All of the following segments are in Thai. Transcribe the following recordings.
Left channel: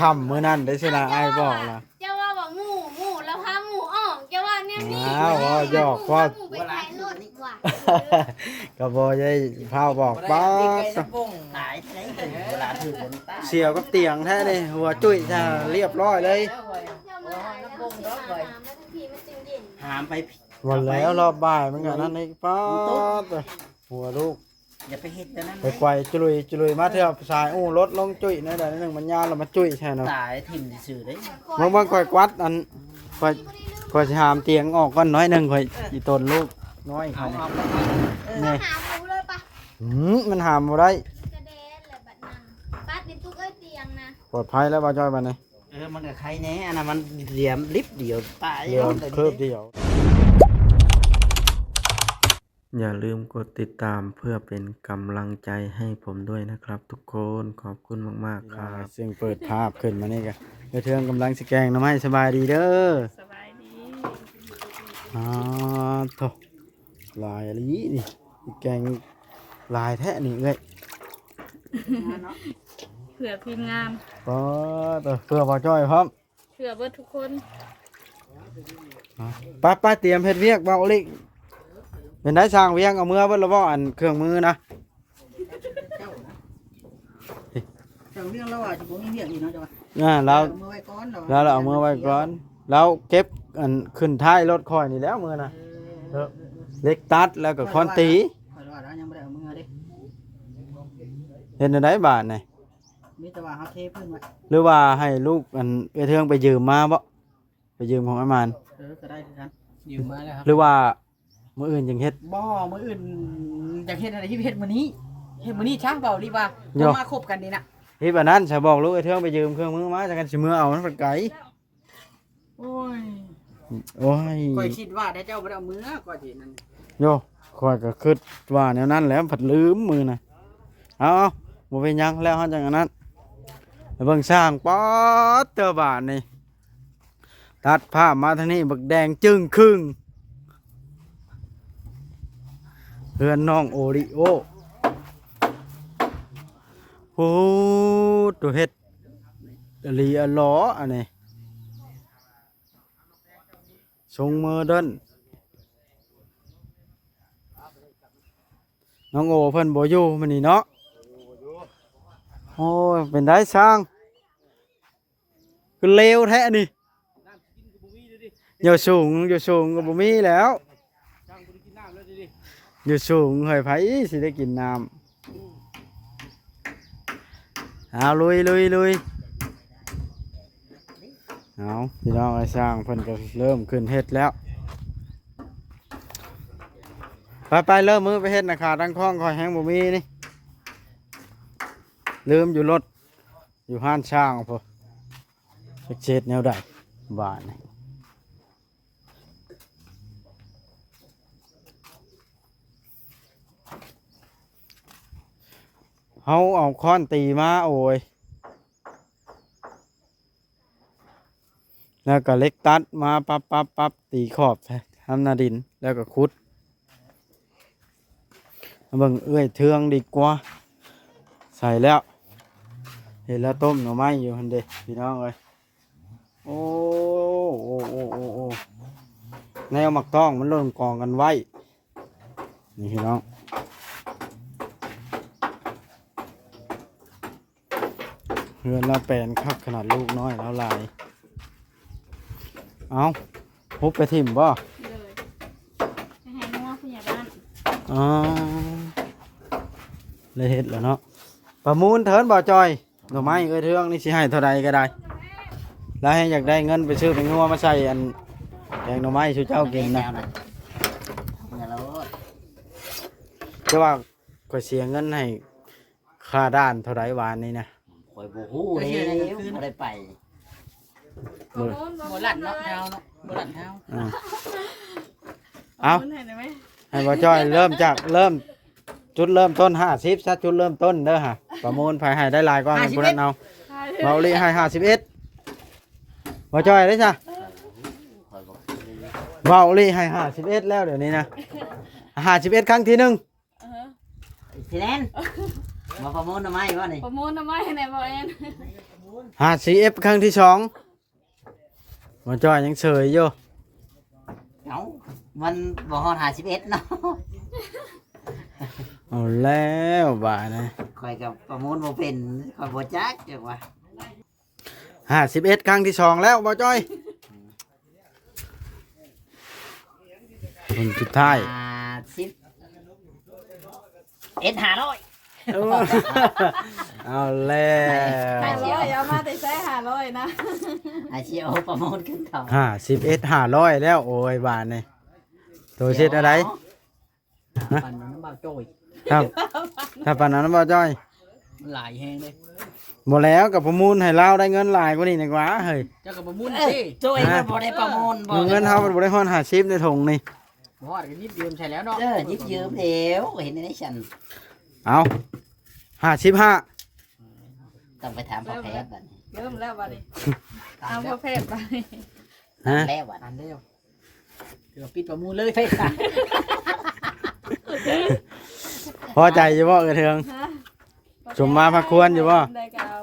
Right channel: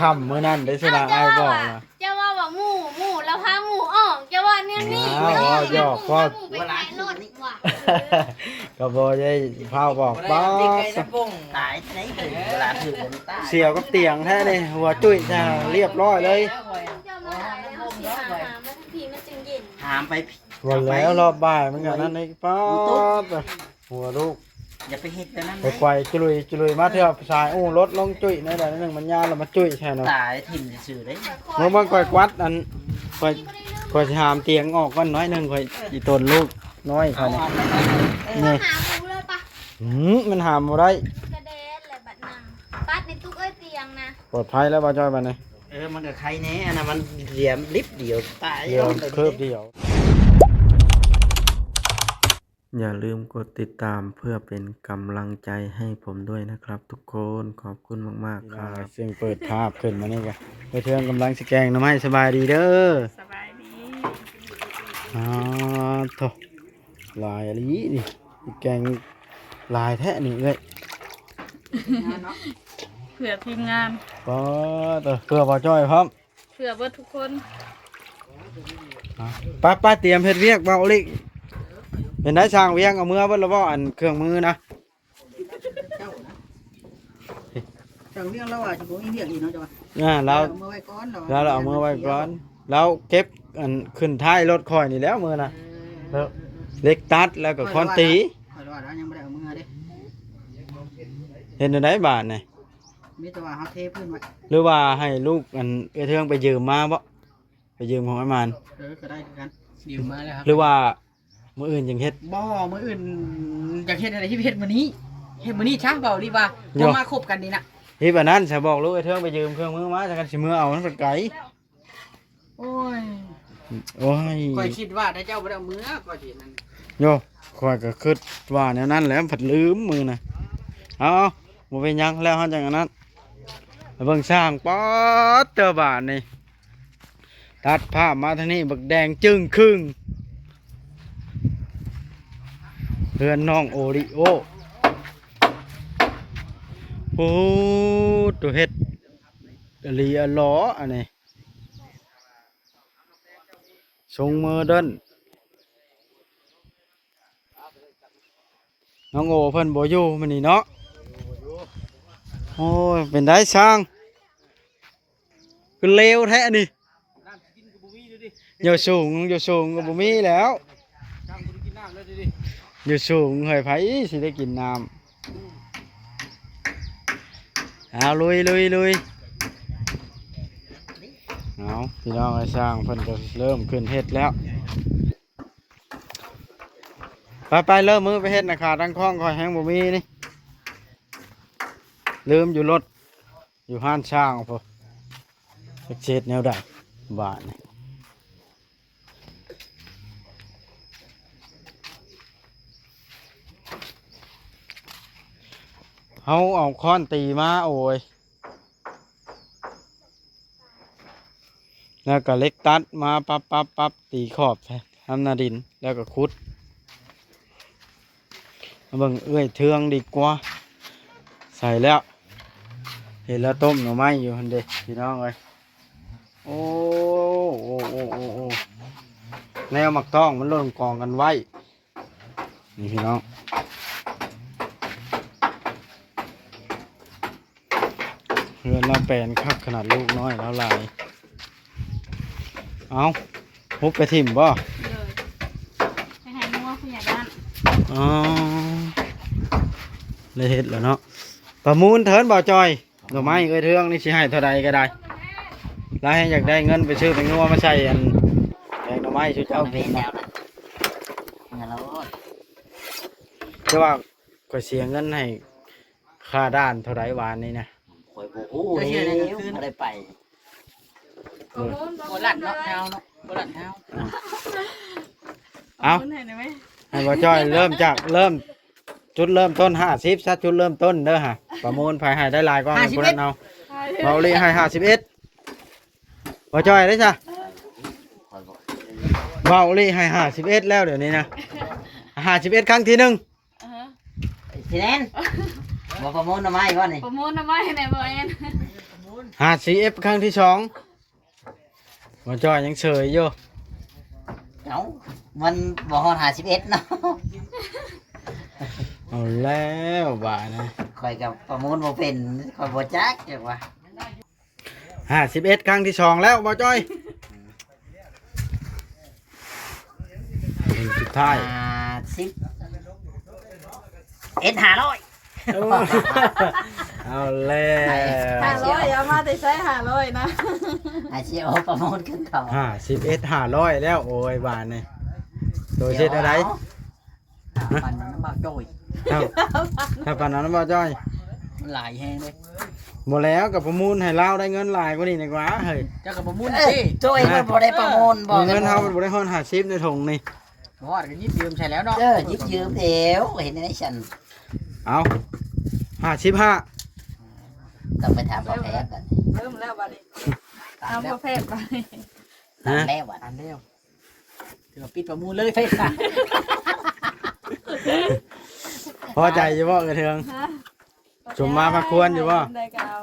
คำมื้อนั้นได้ชนะไอ้บอกนะ เจ้าว่าบอกหมูแล้วพาหมูออกเจ้าว่าเนี่ยนี่ อ้าวหยอกพ่อ ไปขายรถว่ะ ก็บ่ได้พาบอกป้า ตายไหนถึงเวลาถือบนตา เสียวกับเตียงแท้นี่หัวจุ้ยจะเรียบร้อยเลย เจ้ามาขายแล้วสิหามาทันทีมันจึงเย็น ถามไป วันแล้วรอบบ่ายมันก็นั่นนี่ป้าหัวลูก อย่าไปเฮ็ดไปนั่น ไปไกวจุลุยมาเที่ยวสายรถลงจุ้ยในใดนึงมันยาวแล้วมาจุ้ยแท้เนาะ ตายถิ่มซื่อได้ มึงมันก่อยกวัดอันก่อยสิหามเตียงออกก่อนน้อยนึงก่อยอีตนลูกน้อย เอา เขา เอา นี่ หาหมูเลยปะ มันหามบ่ได้ กระเด็นเลยบัดนังปัดในตุ๊กเอ้ยเตียงนะ ปลอดภัยแล้วบ่จอยบัดนี้ มันกับใครแน่อันนั้นมันเหลี่ยมลิฟเดียวตาย เดี๋ยวเคิบเดียวอย่าลืมกดติดตามเพื่อเป็นกำลังใจให้ผมด้วยนะครับ ทุกคนขอบคุณมากๆครับเสียงเปิดภาพขึ้นมานี่กันไปเทืองกำลังสิแกงน้ำให้สบายดีเด้อ สบายดี โถลายอะไรนี่สิแกงลายแท้นี่เลย เผื่อทีมงาน ก็เพื่อบ่จ้อยพร้อม เผื่อเบิดทุกคน ป้าเตรียมเฮ็ดเวียกเบาลิกเป็นได้สร้างเวียงเอามือเบิ่แล้วบ่อันเครื่องมือนะ แต่เรื่องเราอ่ะจะบ่มีเรื่องอีกเนาะจ้ะ แล้ว เอามือไว้ก่อน แล้วเราเอามือไว้ก่อนแล้วเก็บอันขึ้นท้ายรถคอยนี่แล้วมือนะแล้วเล็กตัดแล้วก็คอนตี ข่อยว่าแล้วยังบ่ได้เอามือเด้ เห็นได้บาทนี่ มีแต่ว่าเฮาเทพื้นไว้ หรือว่าให้ลูกอันไปเทืองไปยืมมาบ่ไปยืมของไอ้มาน ก็ได้คือกันยืมมาแล้วครับ หรือว่ามื้ออื่นยังเฮ็ด บ่มื้ออื่นอยากเฮ็ดอะไรที่เฮ็ดมื้อนี้เฮ็ดมื้อนี้ช่างเบาดีว่าจะมาคบกันดีนะ เฮ็ดแบบนั้นจะบอกลูกไอ้เทืองไปยืมเครื่องมือมาจักกันสิมือเอามันไปไกล โอ้ย โอ้ย ข่อยคิดว่าได้เจ้าบ่ได้เอามือก็สินั่น โยข้อยก็คิดว่าแนวนั้นแหล้วผัดลืมมือน่ะเอาบ่เป็นหยังแล้วเฮาจังอันนั้นไปเบิ่งสร้างป๊อดเจอบาทนี่ตัดภาพมาทางนี้บักแดงจึ้งครึ่งเรือนน้องโอริโอโอ้ตัวเฮ็ดอลีอะล้ออันนี้ทรงโมเดิร์นน้องโอเพิ่นบ่อยู่มื้อนี้เนาะโอ้ยเป็นได้ช่างคือเลวแท้นี่อยู่สูงก็บ่มีแล้วอยู่สูงเฮ้ยไผสิได้กินน้ำเอาลุยเอาพี่น้องไอ้ช่างเพิ่นก็เริ่มขึ้นเฮ็ดแล้วไปเริ่มมือไปเฮ็ดนะขาตั้งคล้องคอยแห้งบ่มีนี่ลืมอยู่รถอยู่ห้านช่างพอเช็ดแนวใดบ้านนี่เขาเอาค้อนตีมาโอ้ยแล้วก็เล็กตัดมาปั๊บตีขอบทำนาดินแล้วก็ขุดเบิ่งเอื้อยเทืองดีกว่าใส่แล้วเห็นแล้วต้มหน่อไม้อยู่หันเด้พี่น้องเอ้ยโอ้แนวหมักต้องมันหล่นกองกันไว้นี่พี่น้องเฮือนเราแปลนคักขนาดลูกน้อยแล้วลายเอาฮุบไปทิ่มบ่ เลยไปให้งัวผู้ใหญ่บ้าน อ๋อเลยเฮ็ดแล้วเนาะประมูลเถินบ่จอยหน่อไม้เอ้ยเทืองนี่สิให้เท่าใดก็ได้แล้วให้อยากได้เงินไปซื้อเป็นงัวมาใส่อันแกงหน่อไม้ชูเจ้ากินนะจะว่าก็เสียเงินให้ค่าด้านเท่าใดวานนี้นะ ข่อยบ่ฮู้แล้วบ่ได้ไป บ่ลั่นเนาะแถวเนาะบ่ลั่นแถว เอา คนไหนได้ไหม ให้บ่จอยเริ่มจากจุดเริ่มต้น50ซะจุดเริ่มต้นเด้อฮะประมูลภายให้ได้หลายกว่าคนนั้นเอาเบาลีให้51บ่จอยได้จ้ะ ข่อยบอก เบาลี่ให้51แล้วเดี๋ยวนี้นะ51ครั้งที่หนึ่ง สิแน่นบ่ประมูลทำไมวะนี่ ประมูลทำไมไหนบ่เอ็น 50F ครั้งที่2บ่จ้อยยังเฉยอยู่ เอ้ามันบ่ฮอด51เนาะ เอาแล้วบาดนะ ข่อยกับประมูลบ่เป็นข่อยบ่จักจังว่า 51ครั้งที่2แล้วบ่จ้อยเป็นสุดท้าย 50เอ็ด500 เอาแล้ว 500เอามาแต่ใช้500นะ อาชีพเอาประมูลขึ้นเขา 51 500แล้วโอ้ยบาดนี่ตัวเช็ดอะไร ปันน้ำบากโจย ครับถ้าปานนั้นบ่จ้อย มันหลายแฮงเลย บ่แล้วกับประมูลให้เราได้เงินหลายกว่านี้ดีกว่าเฮ้ย เจ้ากับประมูล เอ้ย สิ โจ้ยมันบ่ได้ประมูลบ่ เงินเฮาบ่ได้ฮอด50ในถุงนี่ บ่ว่าก็ยิบยืมใช่แล้วเนาะ หยิบยืมเดี๋ยวเห็นในฉัน เอา55 ต้องไปถามพ่อแพทย์ก่อน เริ่มแล้วบัดนี้ ตา เอา มแล้ ป ว ระเภทไป ฮะ แล้วอ่ะ ตามแล้วเดี๋ยวปิดประมูลเลยเท่นะ พอใจอยู่บ่เออเทือง ฮะ สมมาพระควรอยู่บ่ ได้ก็เอา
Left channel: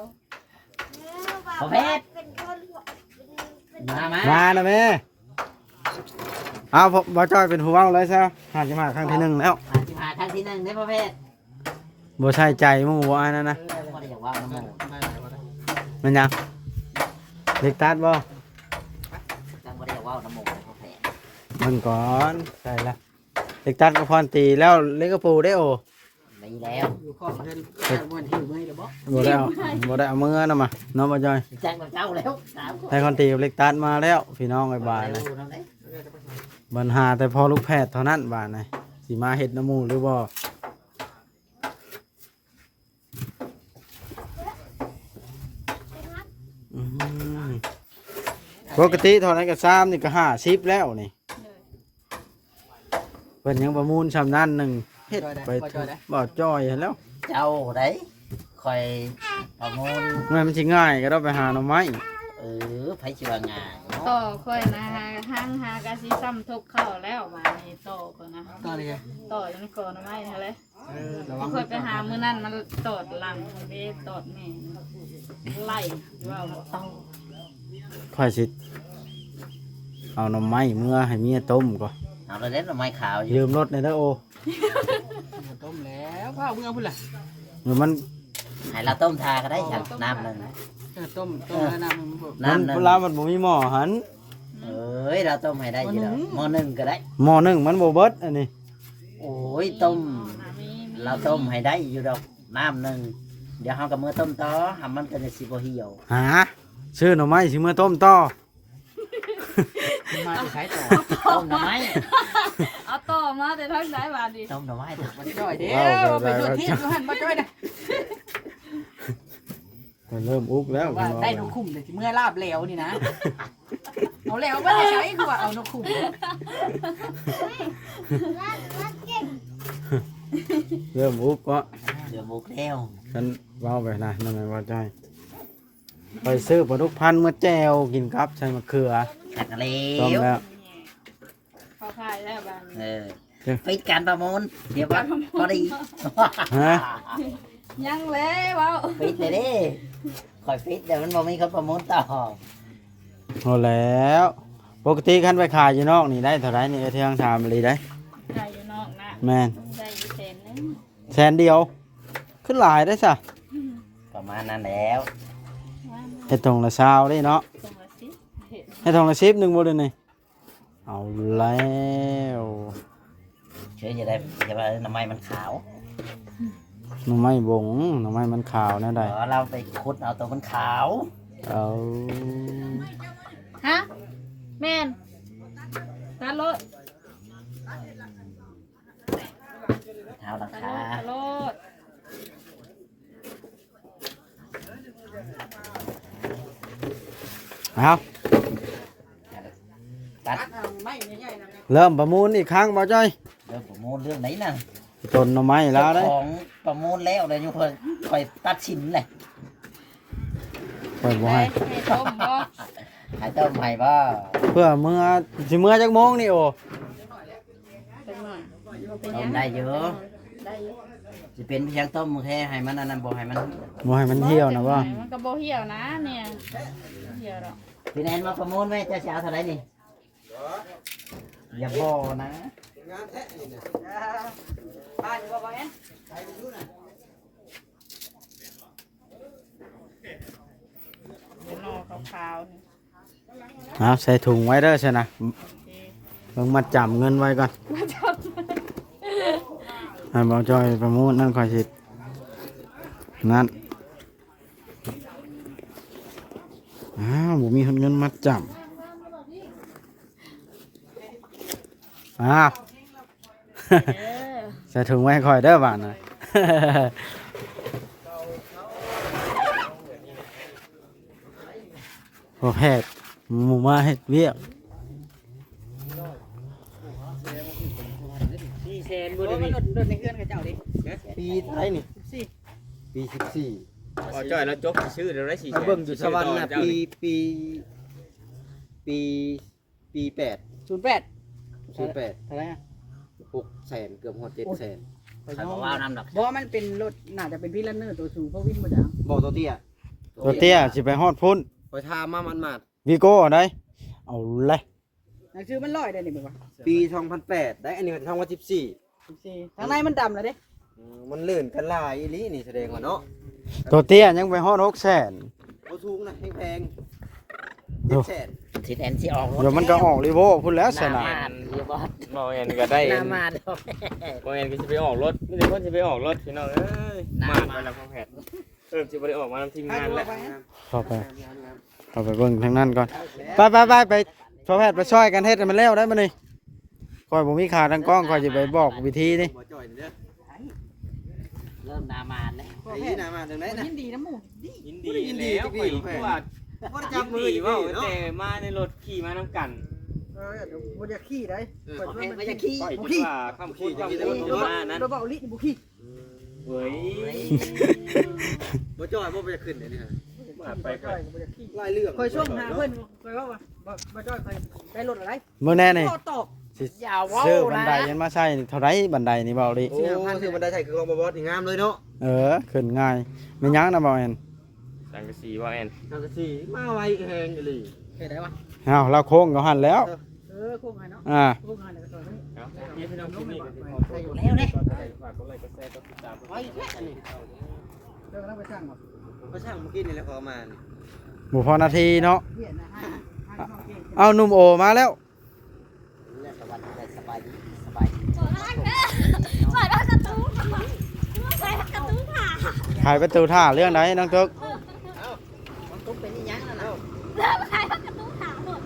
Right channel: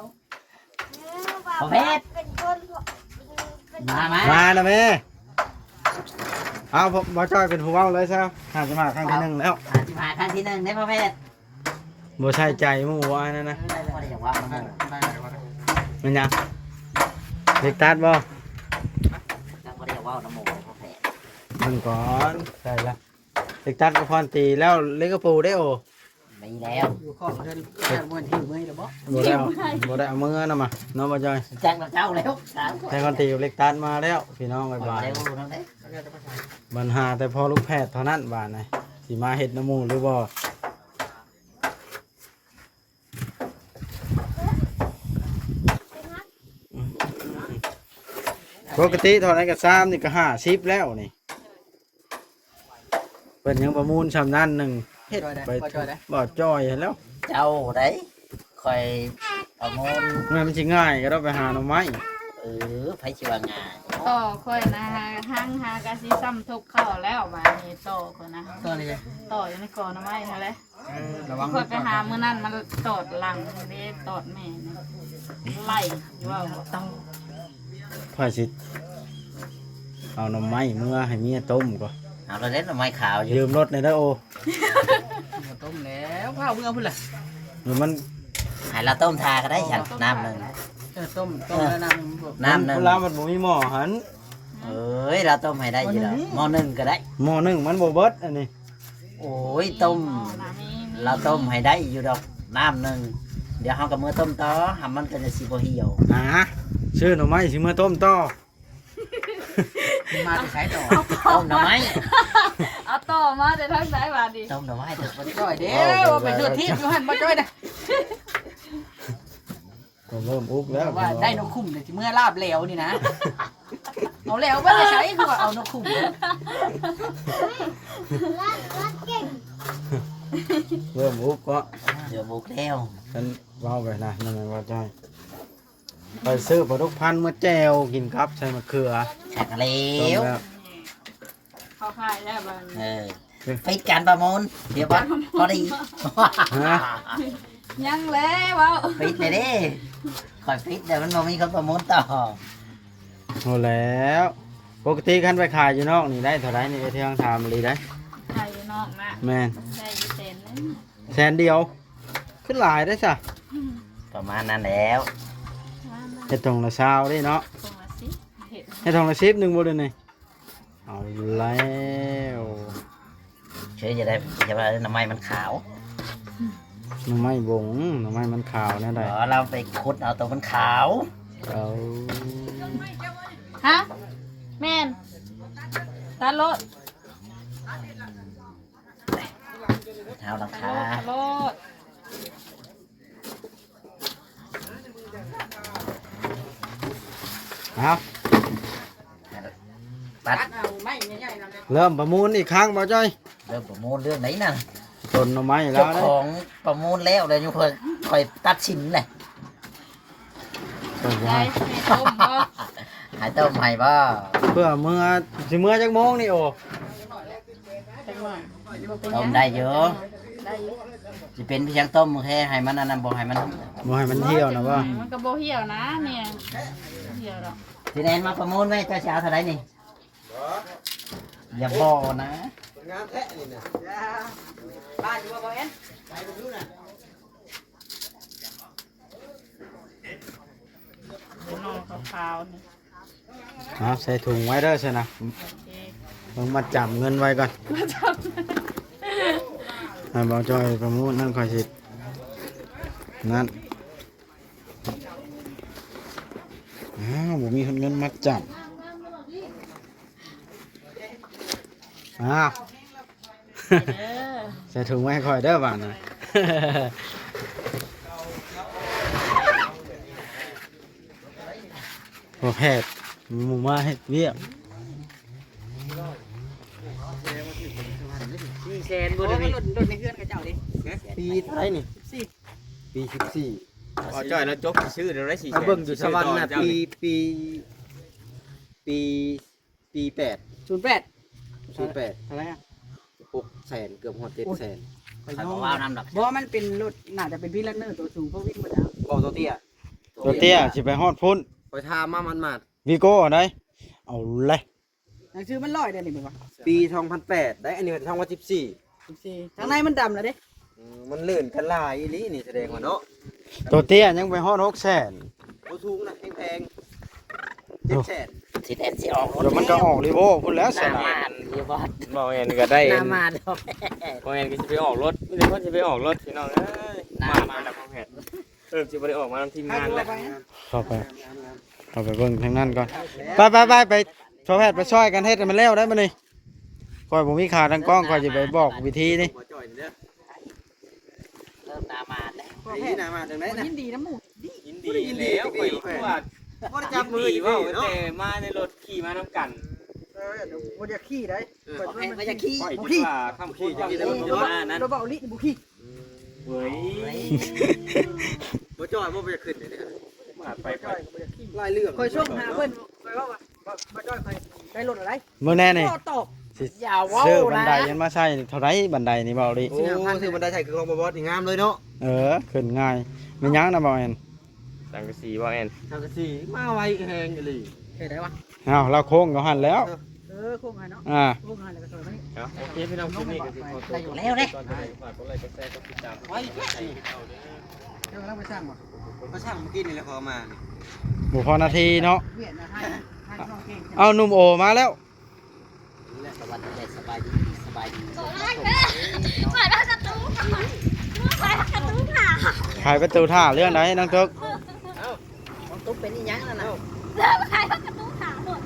พ่อแพทย์มามา มาแล้วแม่เอาผมบ่จ้อยเป็นผู้เว้าเลยซะหาจะมาครั้งที่1แล้ว มาครั้งที่1ได้พ่อแพทย์ บ่ใส่ใจหมู่ว่าอันนั้นนะ บ่ได้จังว่าน้ำมูก มันยังเล็กตัดบ่ จังบ่ได้จังว่าน้ำมูกพ่อแพทย์ มันก่อนใช่ละเล็กตัดก็พรตีแล้วเล็กกระปูได้โอ มีแล้ว อยู่ข้อเงินม้วนหิวเมื่อยเด้อบ่ บ่ได้เอามือนะมาน้องบ่จ้อย จังเจ้าแล้วถาม ให้คนตีกับเล็กตัดมาแล้วพี่น้องบ๊ายบาย เร็วนั่นเด้ ปัญหาแต่พอลูกแพทย์เท่านั้นบาดนะสิมาเฮ็ดน้ำมูกหรือบ่อืมปกติเท่านั้นก็3นี่ก็50แล้วนี่เพิ่นยังประมูลชำนั้นหนึงเฮ็ดไป บ่จอยได้ บ่จ้อยแล้ว เจ้าได้คอยประมูล มันสิง่ายก็ต้องไปหาหน่อไม้ ไผสิว่างาน ต่อค่อยนะหาห้างหากะสิซ้ำทุกเข้าแล้วบาดนี้ต่อคนนะ ตอนนี้ ต่ออยู่ในกอหน่อไม้นั่นแหละ ระวัง ค่อยไปหามื้อนั้นมันตอดหลังเด้ตอดแม่นะไล่ว่าบ่ต้อง ค่อยสิเอาหน่อไม้เมื่อให้เมียต้มก่อน เอาเราเล่นไม้ขาวอยู่ ลืมรถในเด้อโอ ต้มแล้วข้าวเมื่อพุ่นล่ะ หรือมัน ให้เราต้มทาก็ได้ฉันน้ำหนึ่ง ต้มแล้วน้ำ น้ำหนึ่ง เวลามันบ่มีหม้อหัน เราต้มให้ได้อยู่แล้วหม้อหนึ่งก็ได้ หม้อหนึงมันบ่เบิดอันนี้ โอ้ยต้ม เราต้มให้ได้อยู่ดอกน้ำหนึ่งเดี๋ยวเรากับมือต้มต่อทำมันเป็นสิบเหี่ยว หาซื้อหน่อไม้สิมื้อต้มต่อ มาจะใช้ต่อ ต้มหน่อไม้ เอาต่อมาแต่ทางไหนบาดนี้ ต้มหน่อไม้เถอะ บ่จ้อยเด้อว่าไปชวนทีมอยู่หั่นบ่จ้อยนะ ก็เริ่มอุกแล้ว ว่าได้นกคุ้มเลยที่เมื่อลาบแล้วนี่นะ เอาแล้วไม่ได้ใช้คือว่าเอานกคุ้ม เริ่มอุกก็ เดี๋ยวบุกแล้ว เป็นเว้าไปนะนั่นแหละว่าใจไปซื้อปลาดุกพันธุ์มาแจ่วกินครับใส่มะเขือ ขัดแล้ ต้ม ว แล้ว เข้าค่ายแล้วบาดนี้ ปิดการประมูลเดี๋ยวพอดี ฮะ ยังแล้วเว้า ปิดเลยดิคอยปิดแต่มันบ่มีคนประมูลต่อ โหแล้วปกติคันไปขายอยู่นอกนี่ได้เท่าไหร่นี่ได้เที่ยง3ลีได้ ใช่อยู่นอกนะ แม่น ได้อยู่เซนนึง แสนเดียวขึ้นหลายได้ซะ ประมาณนั้นแล้ว เฮ็ดตรงละซาวได้เนาะ ตรงละสิเห็น เฮ็ดตรงละ10นึงบ่ได้นี่เอาแล้ว เชื่อจะได้จะว่าน้ำไม้มันขาว หน่อไม้บงหน่อไม้มันขาวแน่ได้ เราไปขุดเอาตัวมันขาว เอา ฮะแม่นตัดรถ เท้าหลัง ตัด คาร ถ เอา ตัด เริ่มประมูลอีกครั้งบ่จ้อย เรื่องประมูลเรื่องไหนน่ะ ต้นหน่อไม้แล้ เจ้าว ได้ ของประมูลแล้วเลยอยู่เพิ่นคอยตัดสินเลย ต้น ได้ ว่า ให้ต้มบ่ หายต้มให้บ่ เพื่อเมื่อสิเมื่อจักโมงนี่โอ จังหน่อยบ่เป็นห ต้ ยั ม ง ได้เยอะ ได้อยู่ สิเป็นเพียงต้มแค่ให้มันอันนั้นบ่ให้มัน บ่ให้มันเหี่ยวนะว่า มันก็บ่เหี่ยวนะเนี่ยเหี่ยวดอก สิแนนมาประมูลไว้เจ้าสิเอาเท่าไหร่นี่อย่าบ่นะ บ้านอยู่บ่เห็น ดูนอขาวๆนี่ ใส่ถุงไว้เด้อใช่นะ โอเค มึงมาจำเงินไว้ก่อนให้บ่จอยประมูลนั่นค่อยสินั่นบ่มีเงินมาจำเออ ใส่ถุงไว้ค่อยเด้อบาดน่ะ พอแพทย์หมู่มาเฮ็ดเวียก 400,000บ่ได้มีรถในเฮือนกับเจ้าดิ ปีเท่าไหร่นี่ปี14 อ๋อจ้อยแล้วจกชื่อเดี๋ยวได้สี่ ถ้าเบิ่งอยู่สวรรค์น่ะปี8 08 08 อะไรอ่ะ 600,000เกือบฮอด700,000 ข่อยบ่ว่าวนํดอก บ่มันเป็นรถน่าจะเป็นพี่ลันเนอร์ตัวสูงเพราะวิ่งบ่ได้ บอกตัวเตี้ย ตัวเตี้ยสิไปฮอดพุ่น ไปทามามันมาด วีโก้เอาได้เอาเลย หนังสือมัน100เด้อนี่บ่ว่า ปี2008ได้อันนี้เป็น2014 14ทางในมันดำแล้วเด้ มันลื่นกันหลายอีหลีนี่แสดงว่าเนาะ ตัวเตี้ยยังไปฮอด600,000 ผู้สูงน่ะแพงๆ700,000 สิแนนสิออก เดี๋ยวมันก็ออกรีโวพุ่นแล้วสนะ อยู่บ่ เบาเอ็นก็ได้ หน้ามาดอก เบาเอ็นก็จะไปออกรถไม่ได้ว่าจะไปออกรถพี่น้องเอ้ยมาแล้วของแพทย์จะไปได้ออกมาทำทีมงานแล้ว เข้าไปเบิ่งทางนั้นก่อนไปพอแพทย์ไปช่วยกันเฮ็ดให้มันแล้วได้มื้อนี้ค่อยบ่มีขาทางกล้องค่อยสิไปบอกวิธีนี่ บ่จ่อยนี่เด้อ เริ่มหน้ามาดแล้ว นี่นะมาจังได๋นะ ยินดีนะหมู่ ยินดีแล้วข่อยว่า บ่ได้จับมืออยู่ ว่า เนาะ แต่มาในรถขี่มาน้ำกัน เดี๋ยวบ่อยากขี่ได้เปิด โอ ไว้ เค มัน ก็จะขี้ ข่อย บ่ คิ ขี่ ดว่าคำพูดคำพูดของว่านั้น บ่เบาลิบ่ขี่ เว้ย บ่จ่อยบ่อยากขึ้นเลยนะ ไป จ้อยก็บ่อยากขี่ หลายเรื่อง คอยส่งหาเพิ่นไปว่าบ่จ้อยไปได้รถอะไร มื้อแน่นี่ ตก สิ อย่าว้าว ซื้อบันไดยันมาใช้นี่เท่าไรบันไดนี่เบาดิ โอ้คือมันได้ใช่คือของบ่บอสนี่งามเลยเนาะ ขึ้นง่ายไม่ยั้งนะเบาแอน สังกะสีว่าเอ็น ทางกะสีมาไวแฮงอีหลี เฮ็ดได้วะ เอาเราโค้งกับหันแล้ว โค้งหาเนาะ โ โค้งหาแล้วก็ซอยไป โอเคพี่น้องคลิปนี้ก็ขอตัว อยู่แล้วเด้ ก่อนไปฝากกดไลค์กดแชร์กดติดตามกดไลค์กดแชร์ เดี๋ยวเราไปสร้างบ่ ก็ช่างเมื่อกี้นี่แหละขอมานี่ บุพอนาทีเนาะ เวียนนะให้น้องเก่ง เอาหนุ่มโอมาแล้ว สวัสดีสบายดีสบายดี เปิดประตูทำไมเปิดประตูค่ะ ขายประตูท่าเรื่องไหนน้องตุ๊ก มันตุ๊กเป็นอีหยังนั่นน่ะ เริ่มขายประตูขาหมด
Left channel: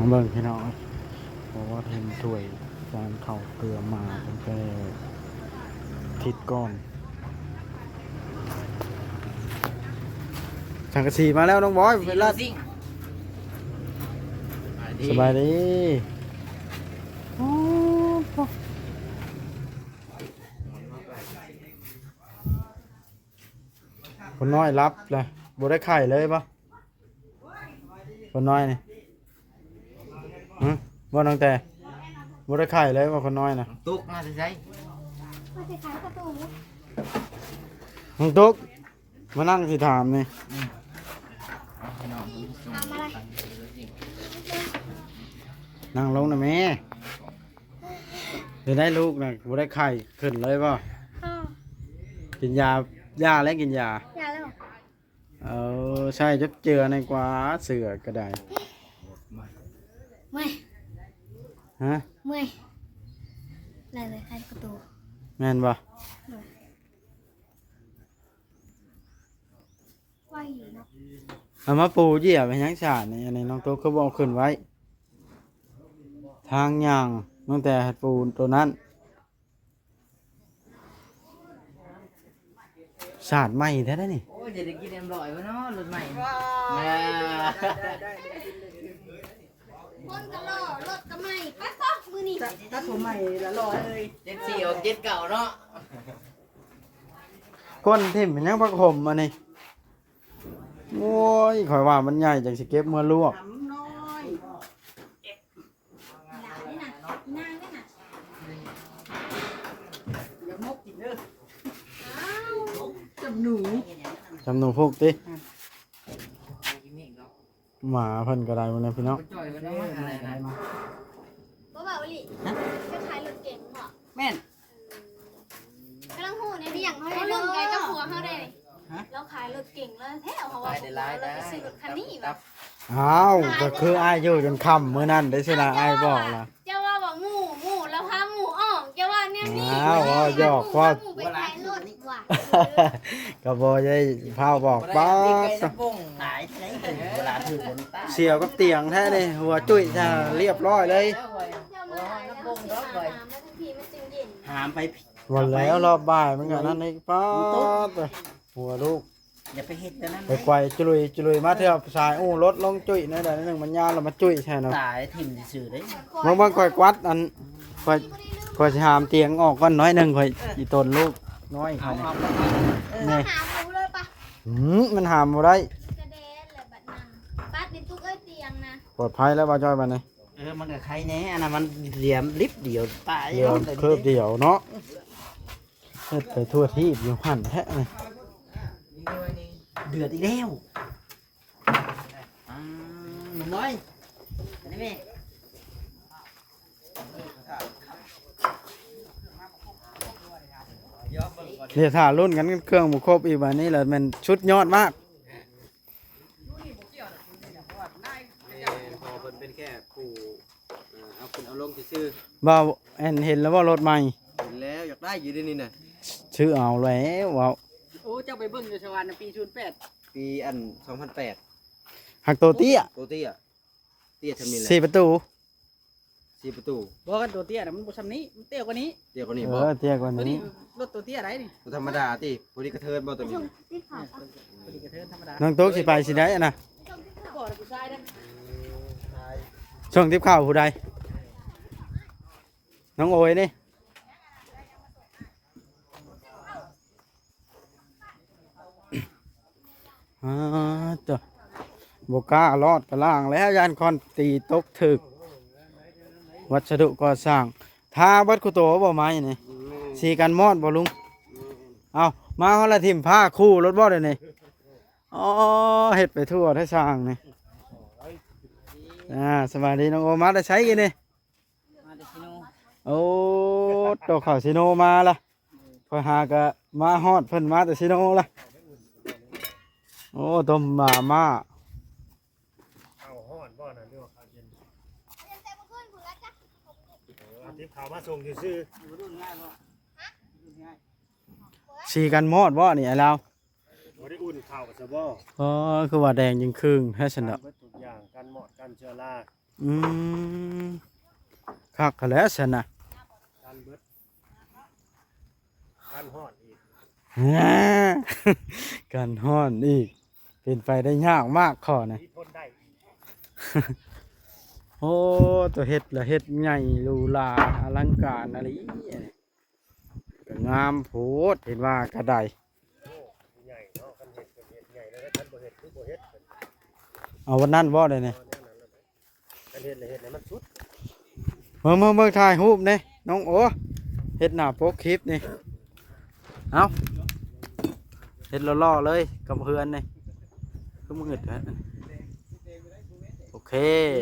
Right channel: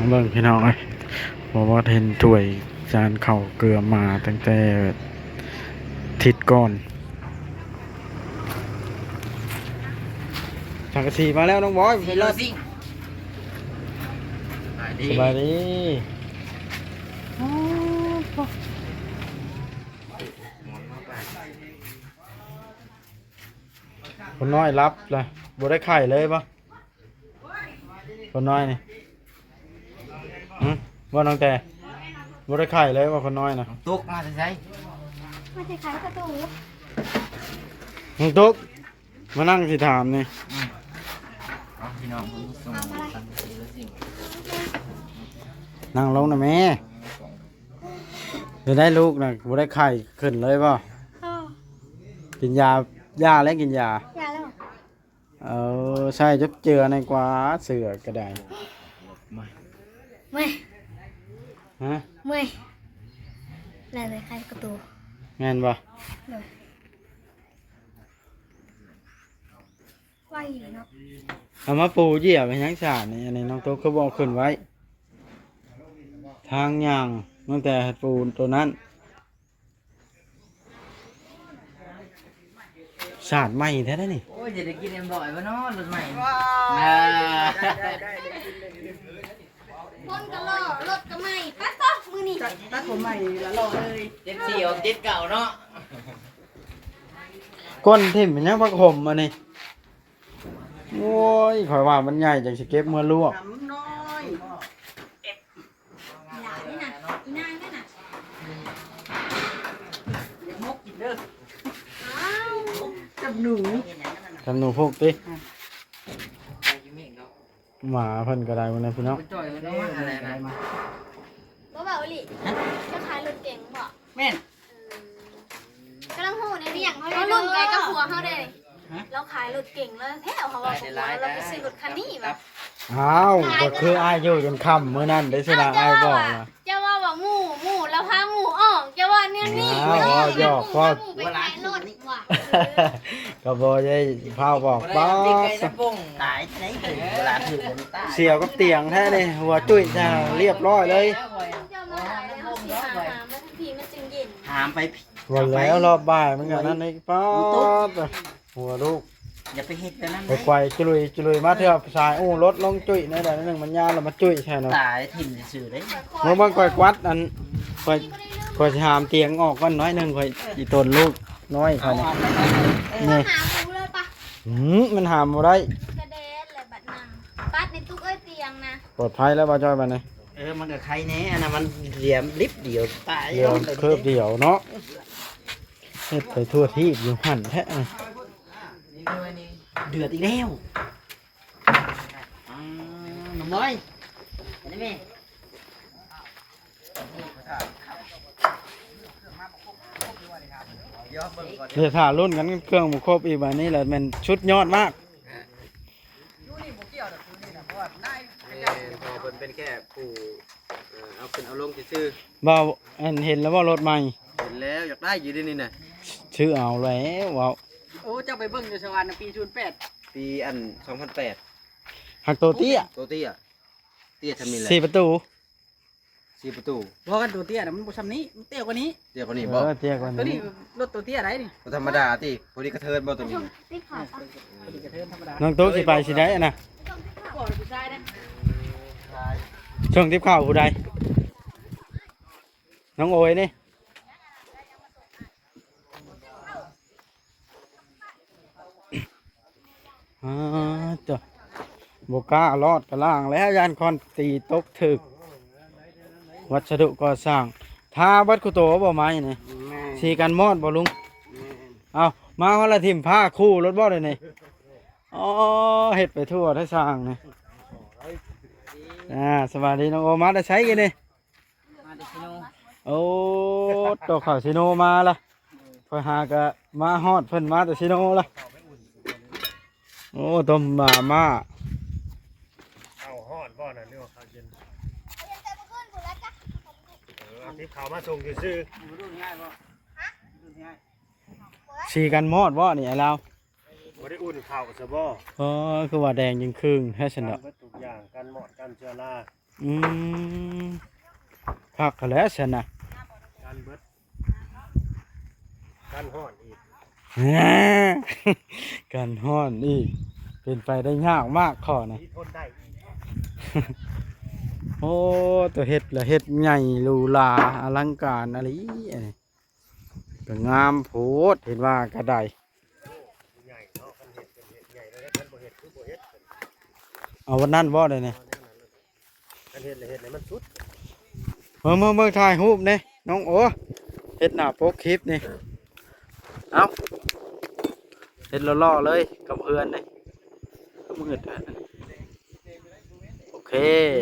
มาเบิ่งพี่น้องเอ้ยบอกว่าเห็นถ้วยจานเข่าวเกลือมาตั้งแต่ทิศก่อนสังกะสีมาแล้วน้องบอย สีโลซิ่ง สบายดีคนน้อยรับเลยบ่ได้ไข่เลยปะคนน้อยนี่ว่าน้องแต่บ่ได้ไข่เลยว่าคนน้อยนะ ตุ๊กมาใส่ มาจะขายประตู น้องตุ๊กมานั่งสิถามนี่ ทำอะไร นั่งลงนะแม่จะได้ลูกนะบ่ได้ไข่ขึ้นเลยป่ะ อ๋อ กินยาแล้วกินยา อย่าแล้ว ใช่จับเจือในกว่าเสือก็ได้ เมื่อย ฮะ เมื่อยแล้วเลยขายประตู แม่นป่ะ ไหวอยู่เนาะ เอามาปูเหยียบไปยังสาดนี่อันนี้น้องตุ๊กเขาบอกขึ้นไว้ ทางย่างตั้งแต่ปูตัวนั้นสาดใหม่แท้ได้นี่ โอ้ยจะได้กินเอ็มร้อยบ่เนาะรถใหม่ คนก็ล่อรถก็ไม่ไปก็มือนี่ ตัดผมใหม่ละรอเลย เจ็ดสี่ออกเจ็ดเก่าเนาะ ก้นทิ่มเป็นยังพักห่มอันนี้ โอ้ยข่อยว่ามันใหญ่จังสิเก็บมาลวก น้ำน้อย หลานนี่น่ะอีนางนั่นน่ะ เดี๋ยวมกกินเด้อ อ้าว กับหนู จำหนูพวกติหมาเพิ่นก็ได้บ่นะพี่น้อง จ่อยกันได้อะไรมา บ่เบาอีหลิจะขายรถเก่งบ่ แม่น กำลังหูในเรียงเขารุ่นไกลกับผัวเขาได้เราขายรถเก่งแล้วแท้เขาว่าผัวเราไปซื้อรถคันนี้แบบ อ้าวก็คืออ้ายอยู่จนค่ำมื้อนั้นได้สินะอ้ายบอกล่ะ จะว่าแบบหมูแล้วพาหมูออกจะว่าเนี่ยนี่ อ้าวเอาหยอกพอด ไปขายรถดีกว่า ก็บ่ได้พาบอกป๊าด ตายไหนเวลาถือคนตาย เสียวกับเตียงแท้นี่หัวจุ้ยซะเรียบร้อยเลย เจ้ามาขายแล้วเขาสิหามาทันทีมันจึงเย็น ถามไป วันแล้วรอบบ่ายมันก็นั่นนี่ป๊าดหัวลูก อย่าไปเฮ็ดไปนั่น ไปไกวจุลุยมาเถอะสายรถลงจุ้ยในใดนึงมันยาวแล้วมาจุ้ยแช่เนาะ ตายถิ่มซื่อเด้ เมื่อบางก่อยกวัดอันก่อยสิหามเตียงออกก่อนน้อยหนึงก่อยอีตนลูกน้อย เอา เขา เอา นี่ หาหมูเลยปะ มันหามบ่ได้ กระเด็นเลยบัดนังปัดในตู้เอ้ยเตียงนะ ปลอดภัยแล้วบ่จ้อยบัดนี้ มันก็ใครแน่อันนั้นมันเหลี่ยมลิบเดียวตาย เดี๋ยวเคิบเดียวเนาะเฮ็ดไปทั่วที่อยู่หั่นแท้นี่ เดือดอีกแล้วหนุ่มน้อยอันนี้แม่ เดี๋ยวถ้ารุ่นกันเครื่องบ่ครบอีกบัดนี้แหละมันชุดยอดมาก ยูนี่บ่เกี่ยวดอกคือนี่นะเพราะว่าได้ พอเป็นแค่ผู้เอาเป็นเอาลงซื่อ บ่าวเห็นแล้วว่ารถใหม่ เห็นแล้วอยากได้อยู่ดีนี่น่ะ ชื่อเอาแล้วว้าว โอ้เจ้าไปเบิ่งอยู่สวรรค์ปี08 ปีอัน2008 หักตัวเตี้ย ตัวเตี้ยเตี้ยทำนี่แหละ 4ประตู 4ประตู บ่กันตัวเตี้ยน่ะมันบ่ซ้ำนี้มันเตี้ยกว่านี้ เตี้ยกว่านี้ เอ บ่ อเตี้ยกว่า ตัวนี้ นี้ รถตัวเตี้ยไรนี่ ธรรมดาติพอดีกระเทินบ่ตัวนี้ รีบขาวปะ ตัวนี้กระเทินธรรมดา น้องตุ๊กสิไปสิได้อะนะ บ่ผู้ชายเด้ ช่วงทิพข้าวผู้ใดน้องโอยนี่จ้ะบกล้ารอดกระล่างแล้วยานคอนตีตกถึก วัสดุก่อสร้างทาบัดคุโตบ่ไม้นี่สีกันมอดบ่ลุงเอามาเขาละทิมผ้าคู่รถบ่ได้นี่อ๋อเฮ็ดไปทั่วได้สร้างนี่สวัสดีน้องโอมาได้ใช้กันนี่ มาเดซิโน โอ้ตัวข่าวซิโนมาละพอหากะมาฮอดเพิ่นมาแต่ซิโนละโอ้ต้มบามา เอาฮอดบ่น่ะเรื่องข้าวเย็นเอาที่ข่าวมาส่งซื่อ สีกันมอดบ่นี่ไอ้เรา ๆบ่ได้อุ่นข้าวซะบ่ อ๋อคือว่าแดงยิงครึ่งแท้ฉันดอก เบิดทุกอย่างกันหมอดกันเชื้อรา อืมคักแล้วฉันน่ะ กันเบิดกันฮอดอีก กันฮ้อนอีกเป็นไปได้ยากมากข้อนะ ที่ทนได้อีก โอ้ตัวเฮ็ดละเฮ็ดใหญ่หรูหราอลังการอะไรอันนี้ก็งามโพดเห็นว่ากระได ใหญ่เนาะมันเห็ดเป็นเห็ดใหญ่แล้วกันบ่เห็ดคือบ่เห็ดเป็น เอาวันนั้นบ่ได้นี่ กันเห็ดเลยเห็ดให้มันสุด เมื่อถ่ายรูปนี่น้องโอเฮ็ดหน้าปกคลิปนี่เอาเฮ็ดล่อๆเลยกับเพื่อนนี่ก็มืดฮะโอเค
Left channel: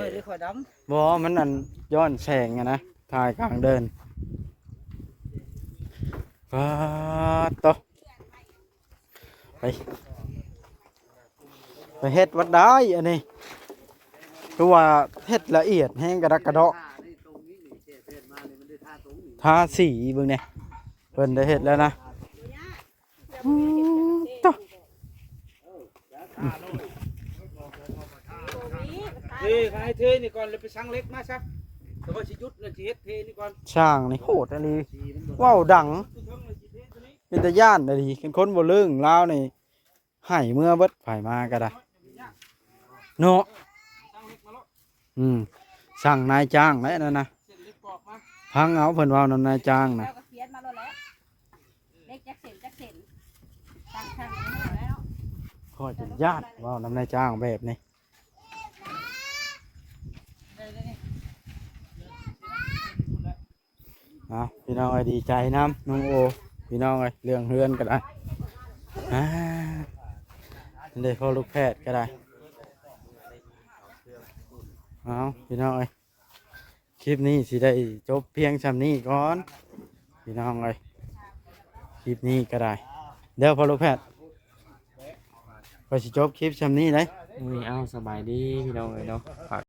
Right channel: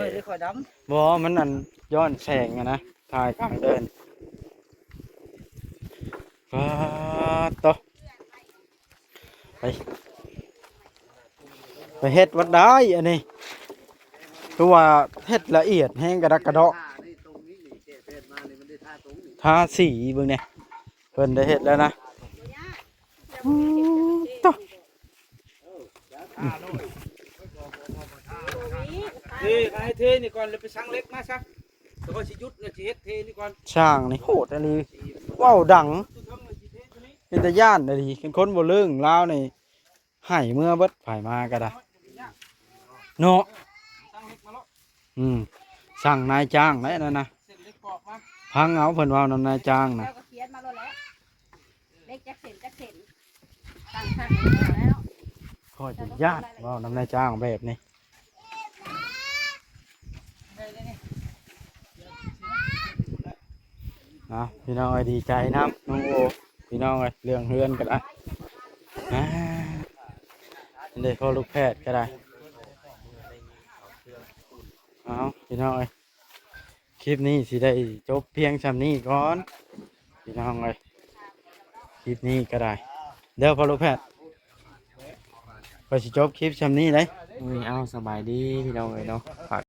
ไม่ได้คอยด บ่มันอันย้อนแสงอะนะถ่ายกลางเดินฟ้าโตไปเฮ็ดวัดได้อันนี้ตัวว่าเฮ็ดละเอียดแห้งกระดักกระเดาะทาสีเบิ่งเนี่ยเพิ่นได้เฮ็ดแล้วนะโต เทให้เทนี่ก่อนเลยไปสั่งเล็กมาซะแล้วก็สิหยุดแล้วสิเฮ็ดเทนี่ก่อน ช่างนี่โหดอันนี้ว้าวดังเป็นตาย่านอันนี้เป็นคนบ่เรื่องลาวนี่ให้เมื่อเบิดไผมาก็ได้เนาะสั่งนายจ้างแล้วนั่นนะ ำเส้นเล็กกรอบมา พังเอาเพิ่นเว้านำนายจ้างนะ แล้วก็เขียนมาแล้วแหละเล็กจักเส้นตั้งขั้นมาแล้ว พ่อจะญาติว่าน้ำนายจ้างแบบนี้เอาพี่น้องเอ้ยดีใจน้ำน้องโอพี่น้องเอ้ยเรื่องเฮือนก็ได้ได้พ่อลูกแพทย์ก็ได้เอาพี่น้องเอ้ยคลิปนี้สิได้จบเพียงชำนี้ก่อนพี่น้องเอ้ยคลิปนี้ก็ได้เดี๋ยวพ่อลูกแพทย์ไปสิจบคลิปชำนี้เลย เอาสบายดีพี่น้องเอ้ยเนาะฝาก